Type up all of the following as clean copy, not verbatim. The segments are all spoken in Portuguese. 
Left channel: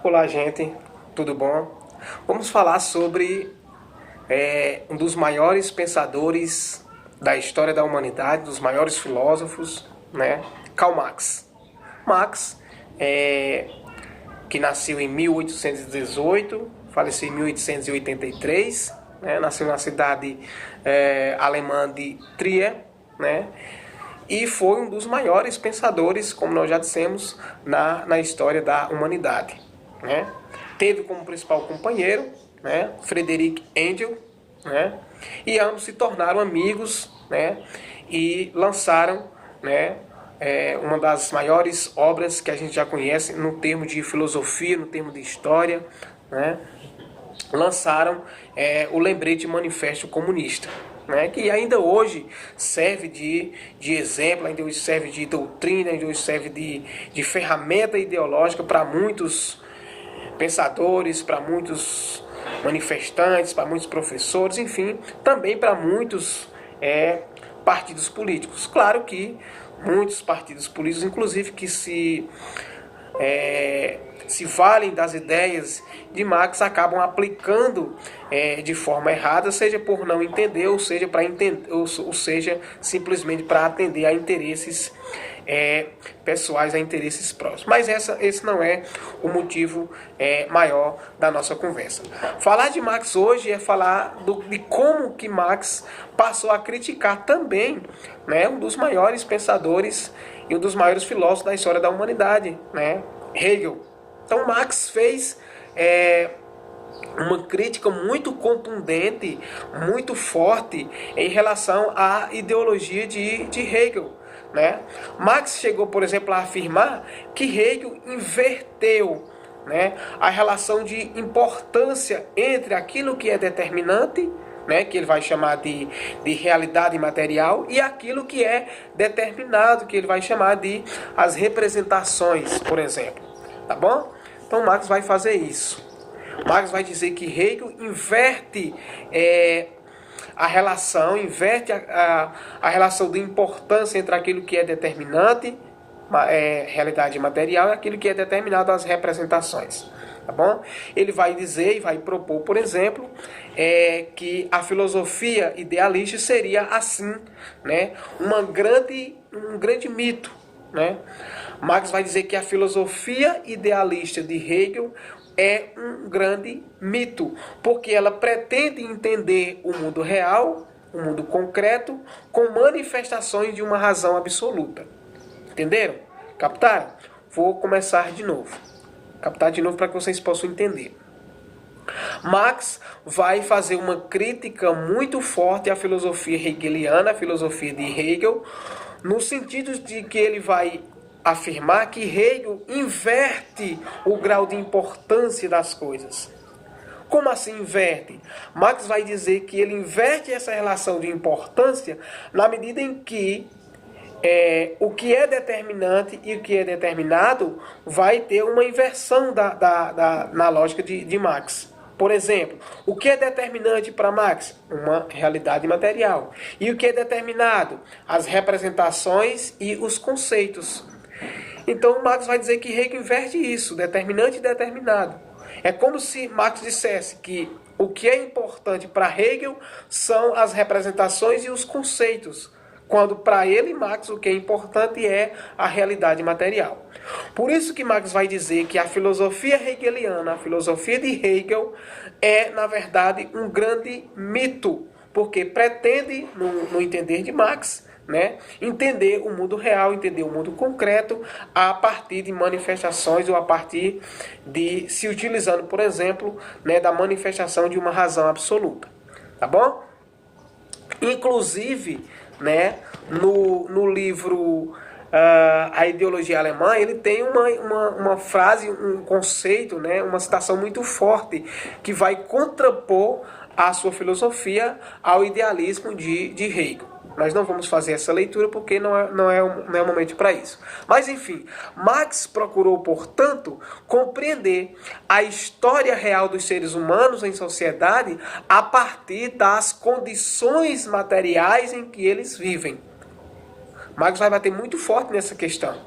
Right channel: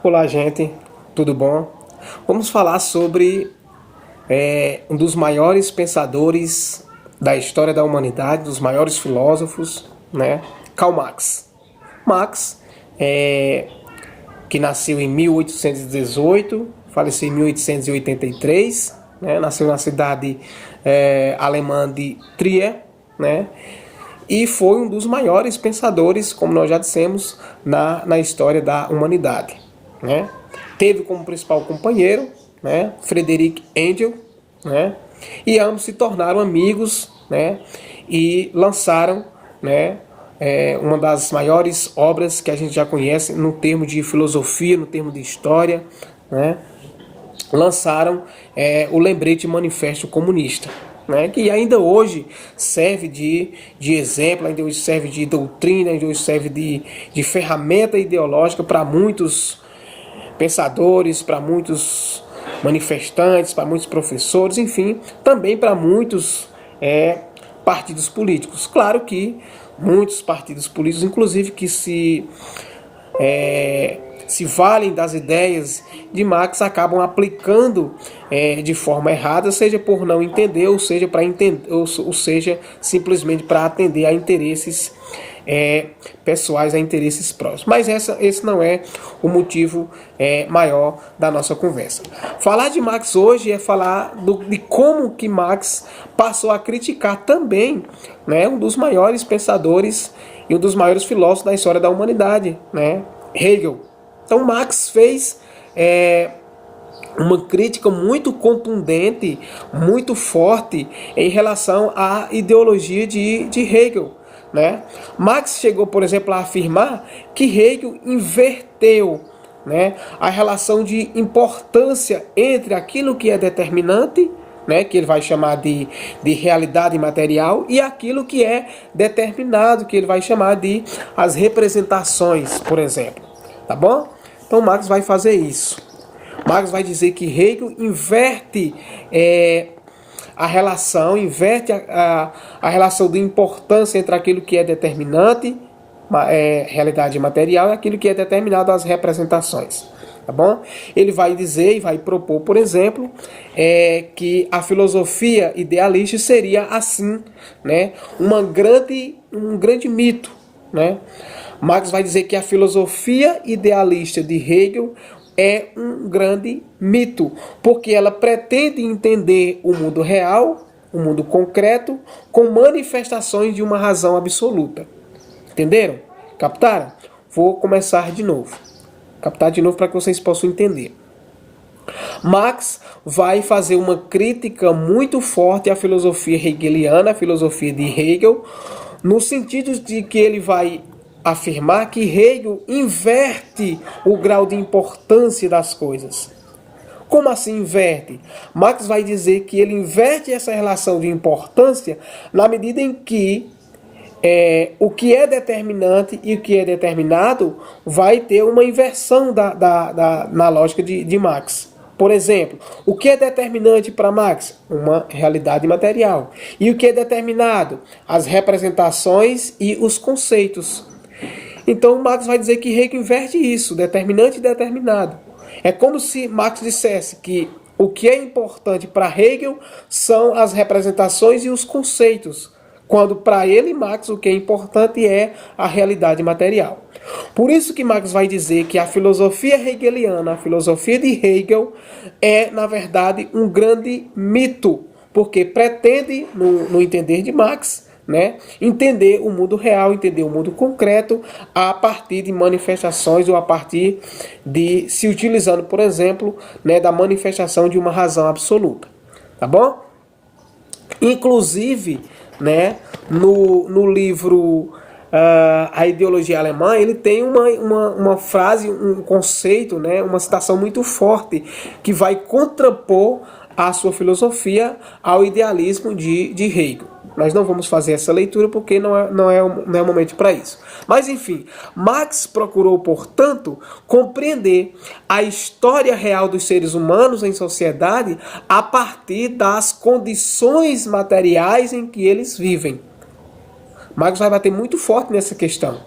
Olá, gente, tudo bom? Vamos falar sobre um dos maiores pensadores da história da humanidade, dos maiores filósofos, né? Karl Marx. Marx, que nasceu em 1818, faleceu em 1883, né? Nasceu na cidade alemã de Trier, né? E foi um dos maiores pensadores, como nós já dissemos, na história da humanidade, né? Teve como principal companheiro, né, Friedrich Engels, né? E ambos se tornaram amigos, né? E lançaram, né, uma das maiores obras que a gente já conhece no termo de filosofia, no termo de história, né? Lançaram o Lembrete Manifesto Comunista, né, que ainda hoje serve de exemplo, ainda hoje serve de doutrina, ainda hoje serve de ferramenta ideológica para muitos pensadores, para muitos manifestantes, para muitos professores, enfim, também para muitos partidos políticos. Claro que muitos partidos políticos, inclusive, que se valem das ideias de Marx, acabam aplicando de forma errada, seja por não entender, ou seja, para entender, ou seja, simplesmente para atender a interesses pessoais, a interesses próximos. Mas esse não é o motivo maior da nossa conversa. Falar de Marx hoje é falar de como que Marx passou a criticar também, né, um dos maiores pensadores e um dos maiores filósofos da história da humanidade, né, Hegel. Então Marx fez uma crítica muito contundente, muito forte em relação à ideologia de Hegel, né? Marx chegou, por exemplo, a afirmar que Hegel inverteu, né, a relação de importância entre aquilo que é determinante, né, que ele vai chamar de realidade material, e aquilo que é determinado, que ele vai chamar de as representações, por exemplo. Tá bom? Então Marx vai fazer isso. Marx vai dizer que Hegel inverte a relação, inverte a relação de importância entre aquilo que é determinante, realidade material, e aquilo que é determinado, as representações. Tá bom? Ele vai dizer e vai propor, por exemplo, que a filosofia idealista seria assim, né, um grande mito, né? Marx vai dizer que a filosofia idealista de Hegel é um grande mito, porque ela pretende entender o mundo real, o mundo concreto, com manifestações de uma razão absoluta. Entenderam? Captaram? Vou começar de novo. Captar de novo para que vocês possam entender. Marx vai fazer uma crítica muito forte à filosofia hegeliana, à filosofia de Hegel, no sentido de que ele vai afirmar que Hegel inverte o grau de importância das coisas. Como assim inverte? Marx vai dizer que ele inverte essa relação de importância na medida em que o que é determinante e o que é determinado vai ter uma inversão na lógica de Marx. Por exemplo, o que é determinante para Marx? Uma realidade material. E o que é determinado? As representações e os conceitos. Então Marx vai dizer que Hegel inverte isso, determinante e determinado. É como se Marx dissesse que o que é importante para Hegel são as representações e os conceitos, quando para ele, Marx, o que é importante é a realidade material. Por isso que Marx vai dizer que a filosofia hegeliana, a filosofia de Hegel, é, na verdade, um grande mito, porque pretende, no entender de Marx, né, entender o mundo real, entender o mundo concreto a partir de manifestações ou a partir de se utilizando, por exemplo, né, da manifestação de uma razão absoluta. Tá bom? Inclusive, né, no livro A Ideologia Alemã, ele tem uma frase, um conceito, né, uma citação muito forte que vai contrapor a sua filosofia ao idealismo de Hegel. Nós não vamos fazer essa leitura porque não é o momento para isso. Mas, enfim, Marx procurou, portanto, compreender a história real dos seres humanos em sociedade a partir das condições materiais em que eles vivem. Marx vai bater muito forte nessa questão.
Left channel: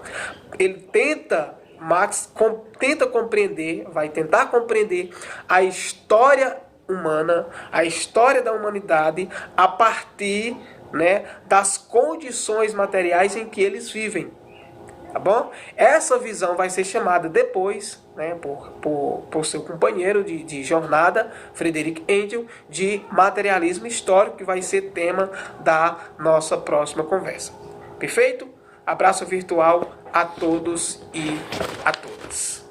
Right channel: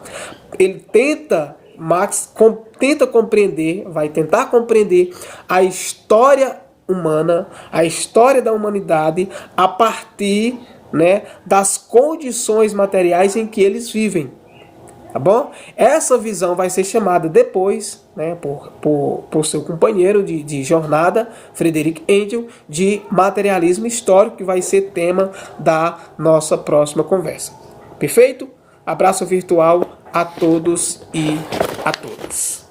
Ele tenta Marx tenta compreender, vai tentar compreender a história humana, a história da humanidade a partir, né, das condições materiais em que eles vivem. Tá bom? Essa visão vai ser chamada depois, né, por seu companheiro de jornada, Friedrich Engels, de materialismo histórico, que vai ser tema da nossa próxima conversa. Perfeito? Abraço virtual a todos e a todas.